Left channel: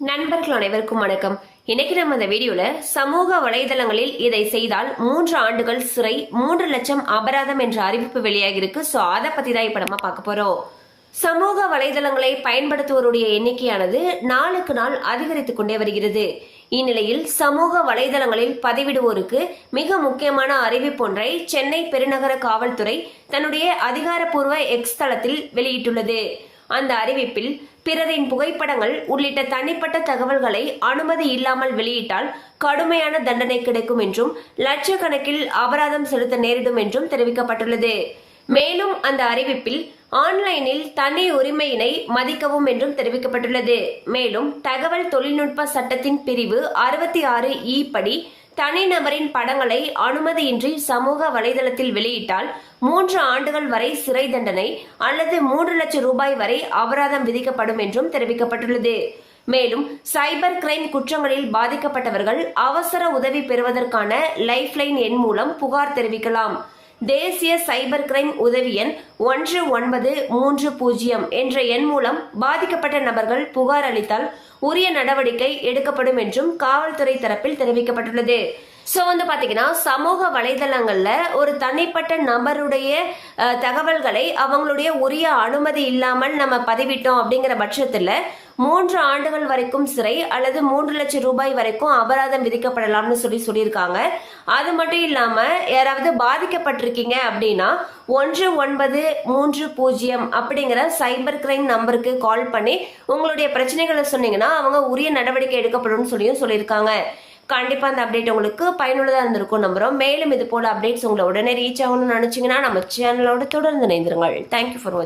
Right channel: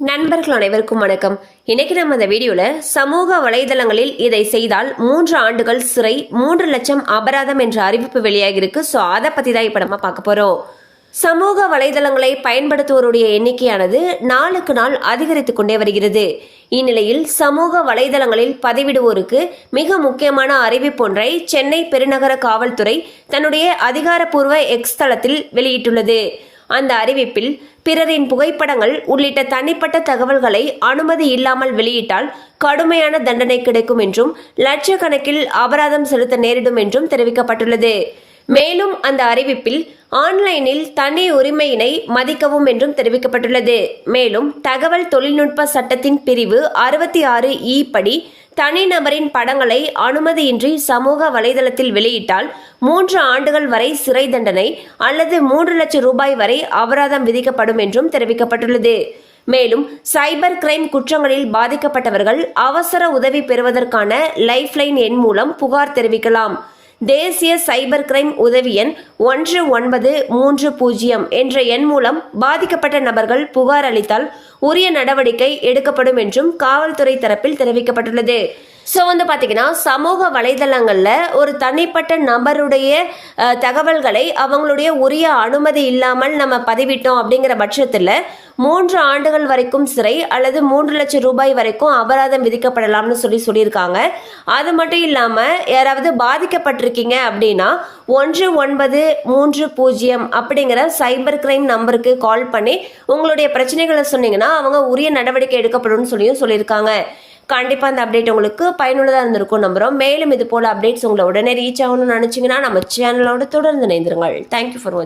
நண்பர்கள் அனைவருக்கும் வணக்கம். இன்னைக்கு நம்ம இந்த வீடியோல சமூக வலைதளங்களில் இதை செய்தால் 3 ஆண்டுகள் சிறை 3 லட்சம் அபராதம் என்ற அறிவிப்பு வெளியாகி இருக்கு. ஸோ அதை பத்தி தான் இப்ப நம்ம பார்க்க போறோம். சமூக வலைதளங்களை பயன்படுத்துவோருடைய எண்ணிக்கையானது நாளுக்கு நாள் அதிகரித்துக் கொண்டே வருகிறது. இந்நிலையில் சமூக வலைதளங்களில் பதிவிடுவோருக்கு மிக முக்கியமான அறிவிப்பொன்றை சென்னை பெருநகர காவல்துறை தன்னுடைய அதிகாரப்பூர்வ எக்ஸ் தளத்தில் வெளியிட்டுள்ளது. அந்த அறிவிப்பில் பிறரின் புகைப்படங்கள் உள்ளிட்ட தனிப்பட்ட தகவல்களை அனுமதி இல்லாமல் வெளியிட்டால் கடுமையான தண்டனை கிடைக்கும் என்றும் லட்சக்கணக்கில் அபராதம் செலுத்த நேரிடும் என்றும் தெரிவிக்கப்பட்டுள்ளது. மேலும் அந்த அறிவிப்பில் ஆன்லைனில் தனி உரிமையினை மதிக்கவும் என்றும் தெரிவிக்கப்பட்டுள்ளது. மேலும் தகவல் தொழில்நுட்ப சட்டத்தின் பிரிவு 66E படி தனிநபரின் படங்களை அனுமதியின்றி சமூக வலைதளத்தில் வெளியிட்டால் 3 ஆண்டுகள் வரை சிறை தண்டனை அல்லது 3 லட்சம் ரூபாய் வரை அபராதம் விதிக்கப்படும் என்றும் தெரிவிக்கப்பட்டுள்ளது. மேலும் சைபர் கிரைம் குற்றங்களில் பாதிக்கப்பட்டவர்கள் அவசர உதவி பெறுவதற்கான லைஃப்லைன் எண் மூலம் புகார் தெரிவிக்கலாம். தேசிய சைபர் கிரைம் உதவி எண் 1930 என்ற எண் மூலம் பாதிக்கப்பட்ட நபர்கள் புகார் அளித்தால் உரிய நடவடிக்கை எடுக்கப்படும் என்றும் காவல்துறை தரப்பில் தெரிவிக்கப்பட்டுள்ளது. ஸோ பாத்தீங்கன்னா சமூக வலைதளங்கள்ல ஒரு தனிப்பட்ட நபருடைய தகவல்களை அவங்களுடைய உரிய அனுமதி இல்லாமல் நம்ம பதிவிட்டோம் அப்படிங்கிற பட்சத்தில் 3 ஆண்டுகள் வரைக்கும் சிறை அல்லது 3 லட்சம் ரூபாய் வரைக்கும் அபராதம் விதிக்கப்படலாம்னு சொல்லியிருக்காங்க. அது மட்டும் இல்லாம யாராவது பாதிக்கப்பட்டிருக்கீங்க அப்படின்னா 1930 அப்படிங்கிற சைபர் கிரைம் நம்பருக்கு கால் பண்ணி உங்களுடைய பிரச்சனைகளை சொன்னீங்கன்னா அவங்க உரிய நடவடிக்கை எடுக்கப்படும் சொல்லியிருக்காங்க. கண்டிப்பா அந்த அப்டேட் உங்களுக்கு பயனுள்ளதா இருந்திருக்கும் நம்புறோம். மேலும் இது போல அப்டேட்ஸ் உங்களை உடனே ரீச் ஆகணும்னு நினைச்சீங்கன்னா நம்ம சேனலோட தொடர்ந்து இணைந்திருங்கள். தேங்க்யூ ஃபார் வாட்சிங்.